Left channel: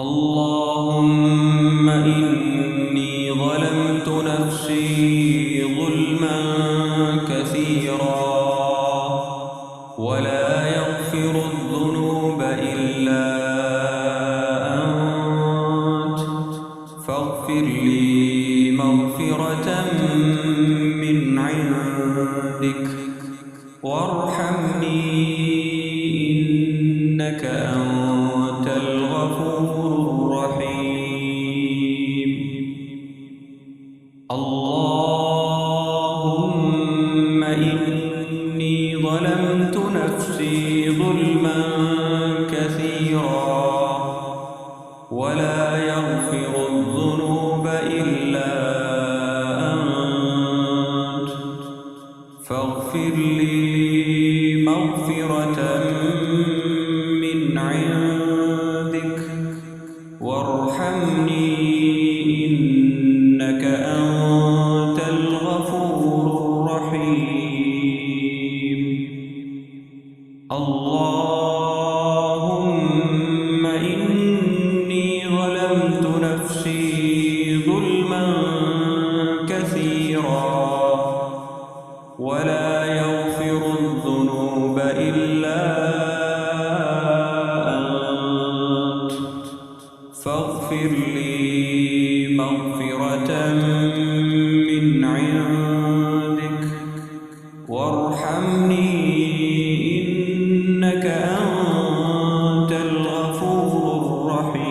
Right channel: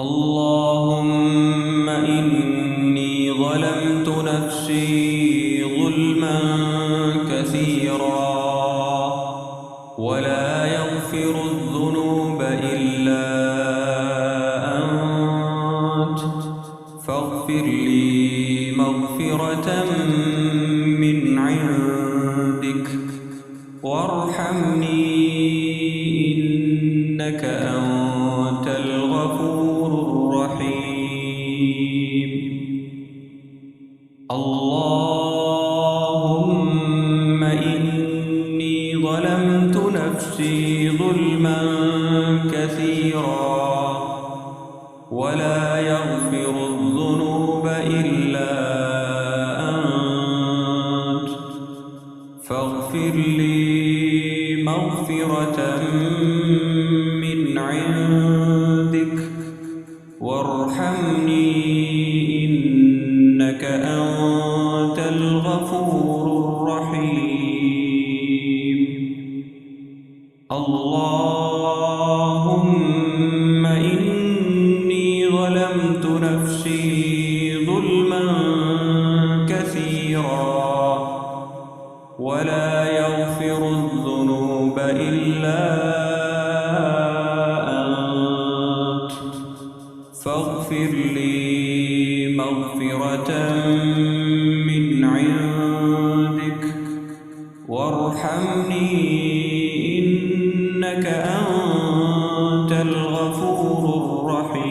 اللهم إني ظلمت نفسي ظلما كثيرا ولا يغفر الذنوب إلا أنت فاغفر لي مغفرة من عندك وارحمني إنك أنت الغفور الرحيم. اللهم إني ظلمت نفسي ظلما كثيرا ولا يغفر الذنوب إلا أنت فاغفر لي مغفرة من عندك وارحمني إنك أنت الغفور الرحيم. اللهم إني ظلمت نفسي ظلما كثيرا ولا يغفر الذنوب إلا أنت فاغفر لي مغفرة من عندك وارحمني إنك أنت الغفور الرحيم.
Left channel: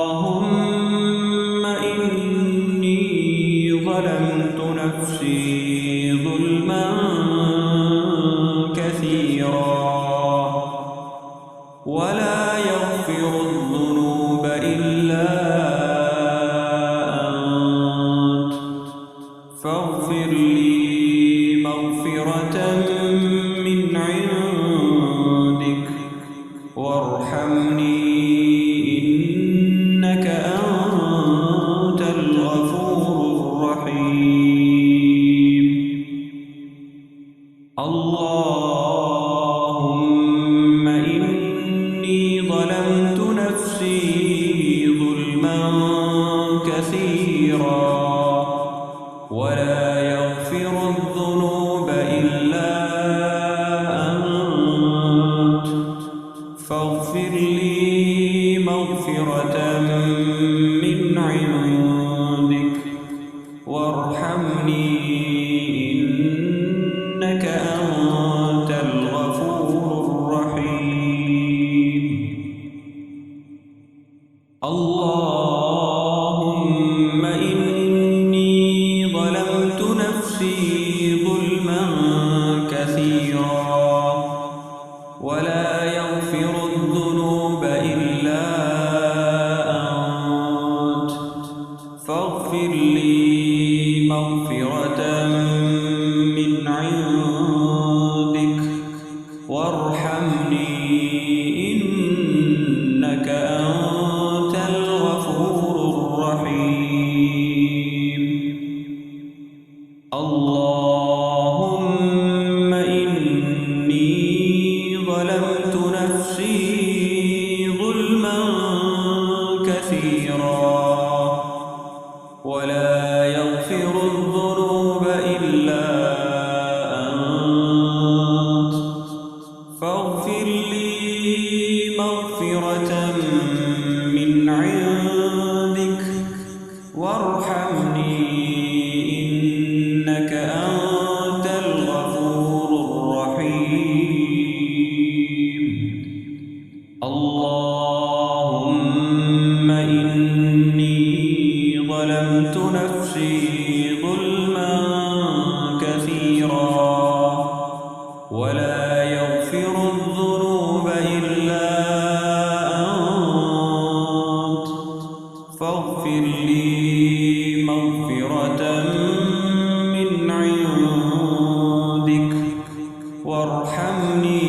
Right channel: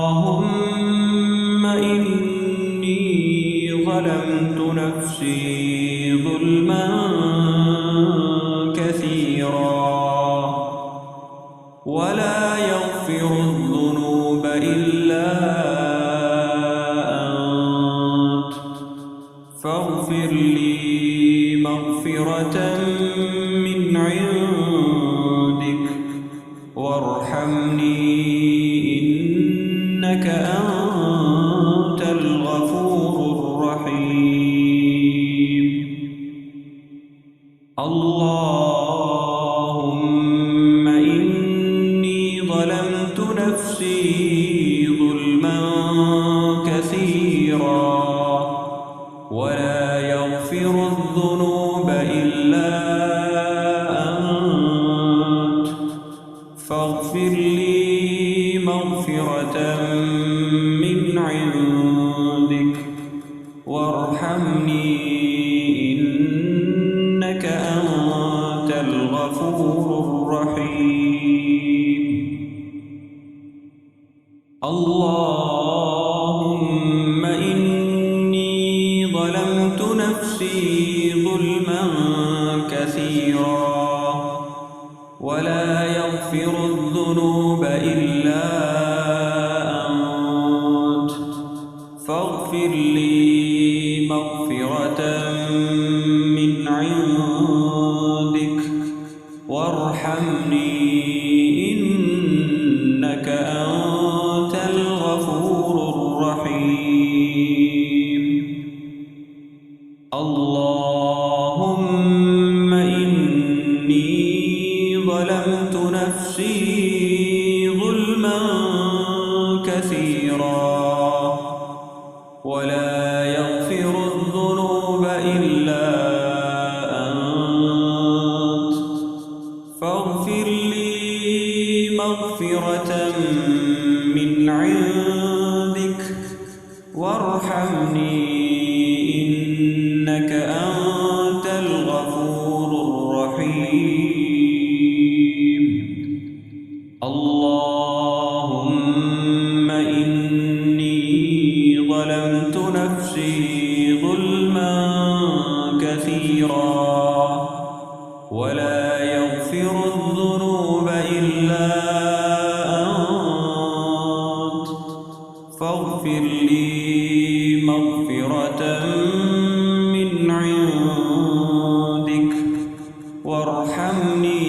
اللهم إني ظلمت نفسي ظلما كثيرا ولا يغفر الذنوب إلا أنت فاغفر لي مغفرة من عندك وارحمني إنك أنت الغفور الرحيم. اللهم إني ظلمت نفسي ظلما كثيرا ولا يغفر الذنوب إلا أنت فاغفر لي مغفرة من عندك وارحمني إنك أنت الغفور الرحيم. اللهم إني ظلمت نفسي ظلما كثيرا ولا يغفر الذنوب إلا أنت فاغفر لي مغفرة من عندك وارحمني إنك أنت الغفور الرحيم. اللهم إني ظلمت نفسي ظلما كثيرا ولا يغفر الذنوب إلا أنت فاغفر لي مغفرة من عندك وارحمني إنك أنت الغفور الرحيم. اللهم إني ظلمت نفسي ظلما كثيرا ولا يغفر الذنوب إلا أنت فاغفر لي مغفرة من عندك وارحمني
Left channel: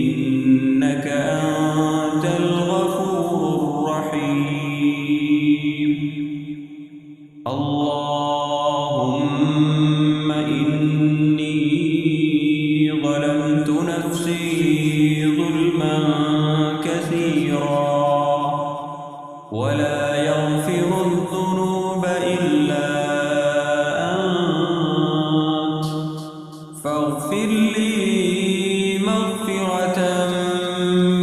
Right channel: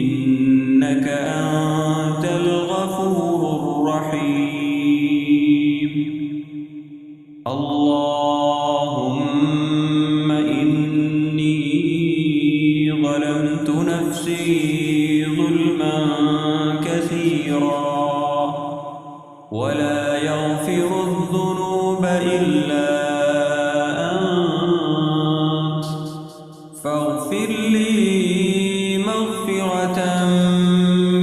إنك أنت الغفور الرحيم. اللهم إني ظلمت نفسي نفسي ظلما كثيرا ولا يغفر الذنوب إلا أنت فاغفر لي مغفرة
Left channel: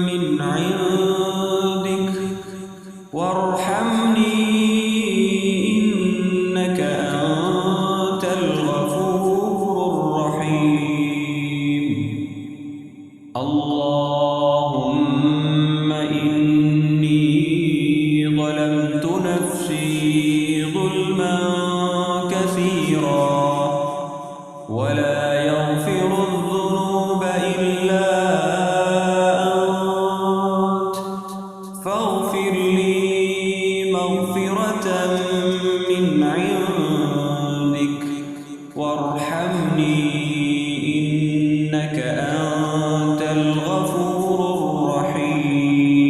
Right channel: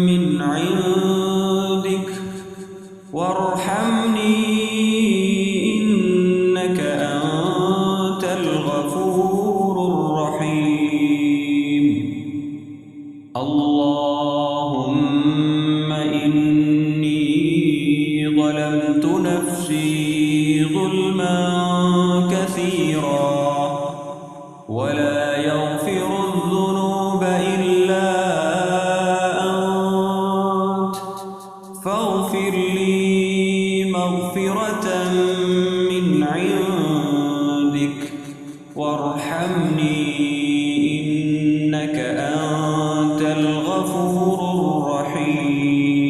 من عندك وارحمني إنك أنت الغفور الرحيم. اللهم إني ظلمت نفسي ظلما كثيرا ولا يغفر الذنوب إلا أنت فاغفر لي مغفرة من عندك وارحمني إنك أنت الغفور الرحيم.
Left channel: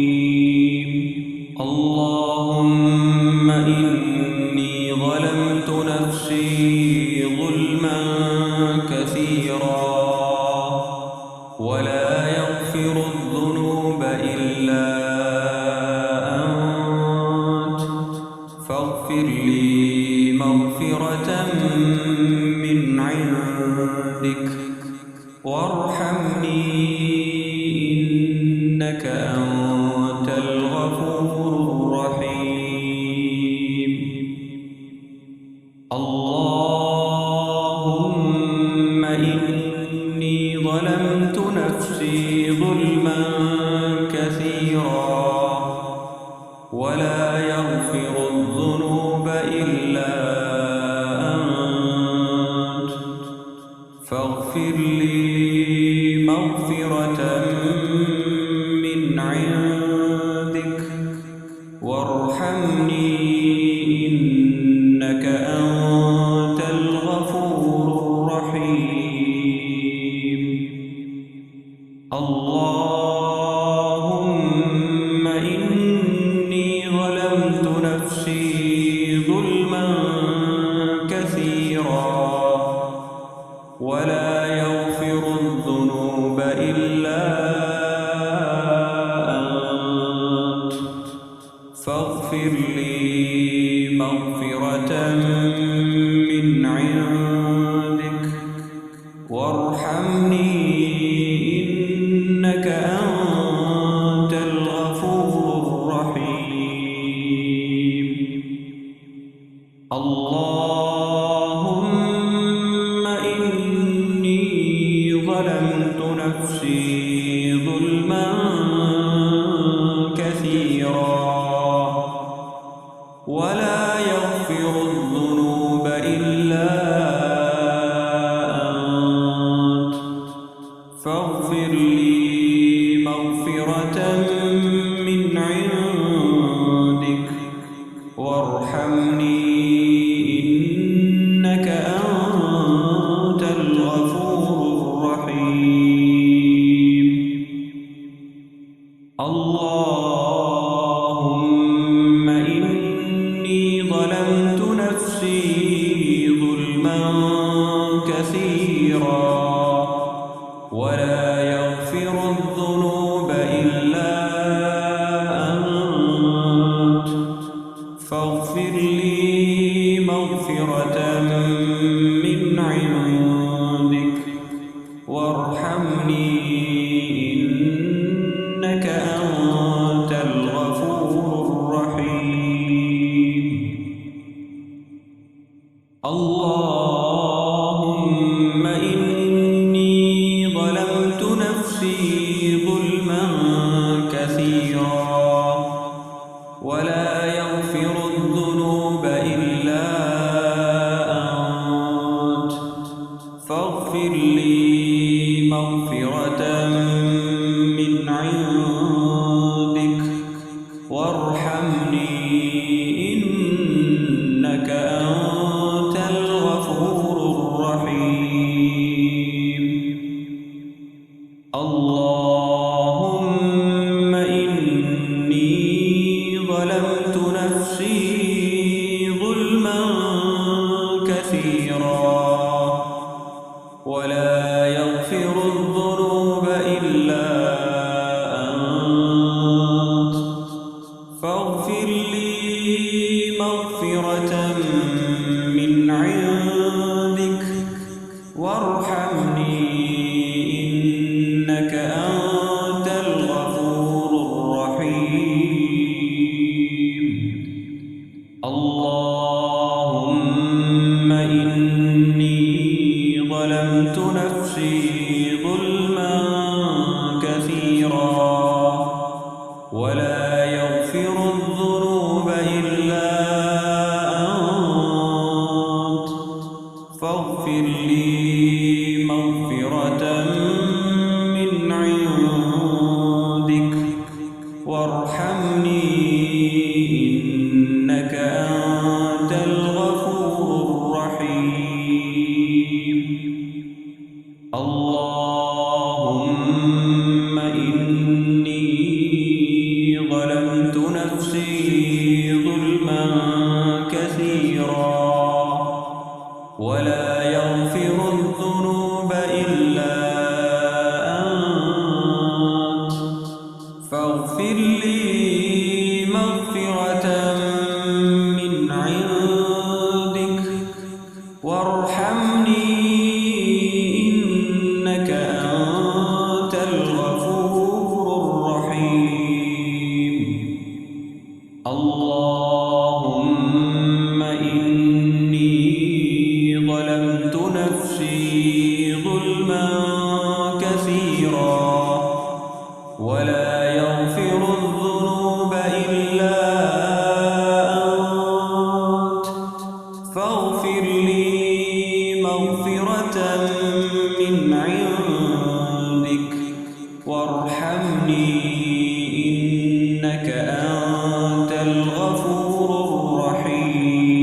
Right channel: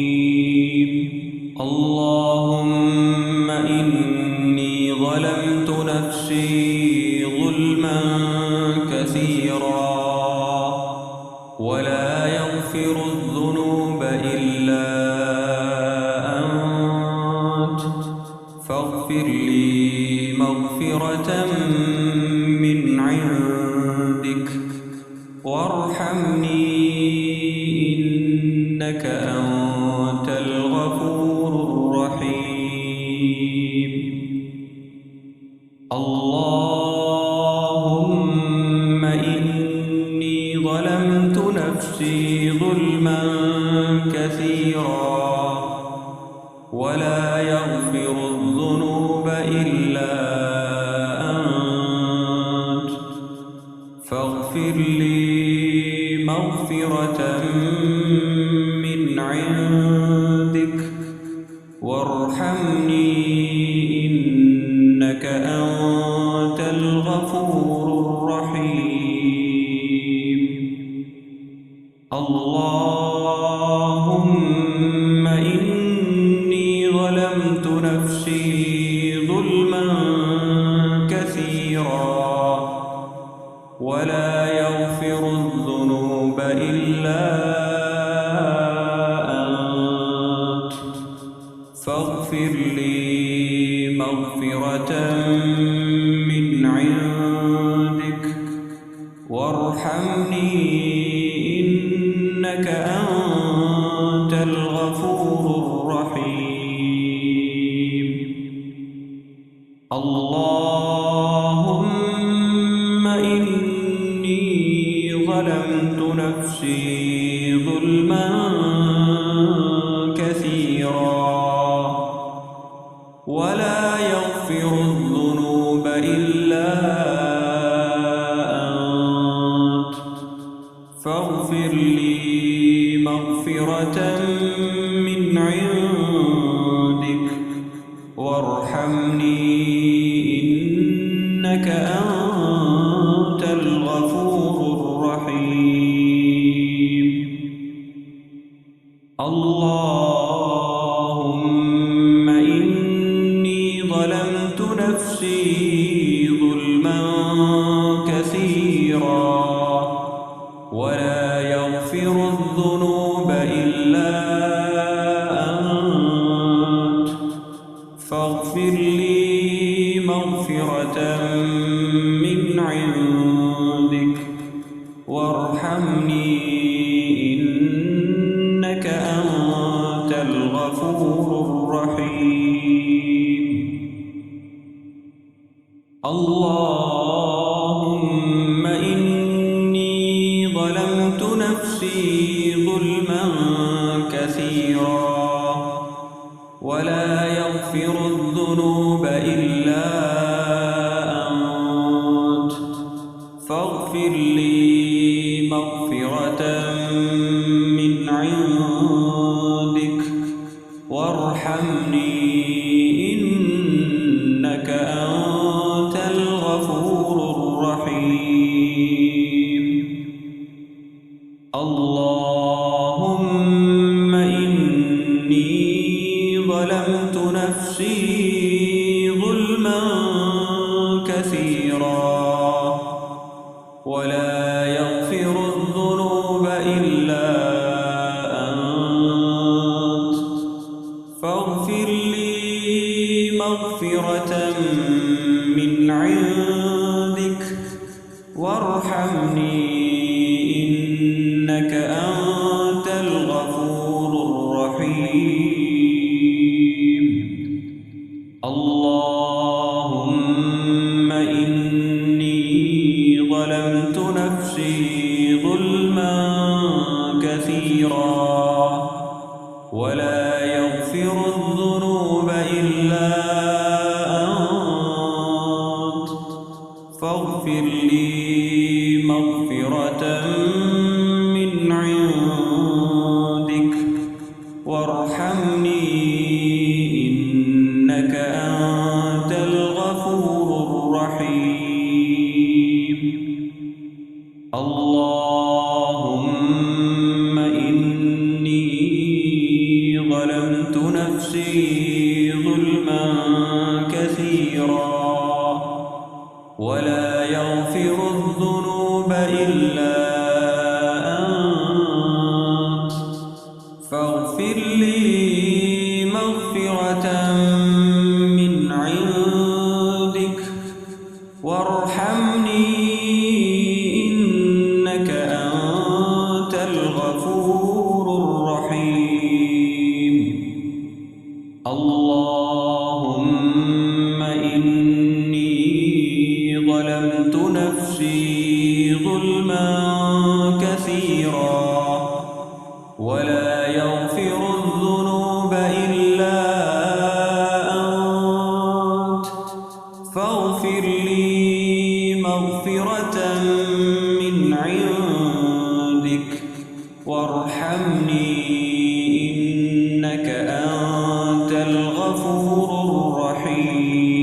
اللهم إني ظلمت نفسي ظلما كثيرا ولا يغفر الذنوب إلا أنت فاغفر لي مغفرة من عندك وارحمني إنك أنت الغفور الرحيم. اللهم إني ظلمت نفسي ظلما كثيرا ولا يغفر الذنوب إلا أنت فاغفر لي مغفرة من عندك وارحمني إنك أنت الغفور الرحيم. اللهم إني ظلمت نفسي ظلما كثيرا ولا يغفر الذنوب إلا أنت فاغفر لي مغفرة من عندك وارحمني إنك أنت الغفور الرحيم. اللهم إني ظلمت نفسي ظلما كثيرا ولا يغفر الذنوب إلا أنت فاغفر لي مغفرة من عندك وارحمني إنك أنت الغفور الرحيم. اللهم إني ظلمت نفسي ظلما كثيرا ولا يغفر الذنوب إلا أنت فاغفر لي مغفرة من عندك وارحمني إنك أنت الغفور الرحيم. اللهم إني ظلمت نفسي ظلما كثيرا ولا يغفر الذنوب إلا أنت فاغفر لي مغفرة من عندك وارحمني إنك أنت الغفور الرحيم. اللهم إني ظلمت نفسي ظلما كثيرا ولا يغفر الذنوب إلا مغفرة من عندك وارحمني إنك أنت الغفور الرحيم. اللهم إني ظلمت نفسي ظلما كثيرا ولا يغفر الذنوب إلا أنت فاغفر لي مغفرة من عندك وارحمني إنك أنت الغفور الرحيم. اللهم إني ظلمت نفسي ظلما كثيرا ولا يغفر الذنوب إلا أنت فاغفر لي مغفرة من عندك وارحمني إنك أنت الغفور الرحيم. اللهم إني ظلمت نفسي ظلما كثيرا ولا يغفر الذنوب إلا أنت فاغفر لي مغفرة من عندك وارحمني إنك أنت الغفور الرحيم.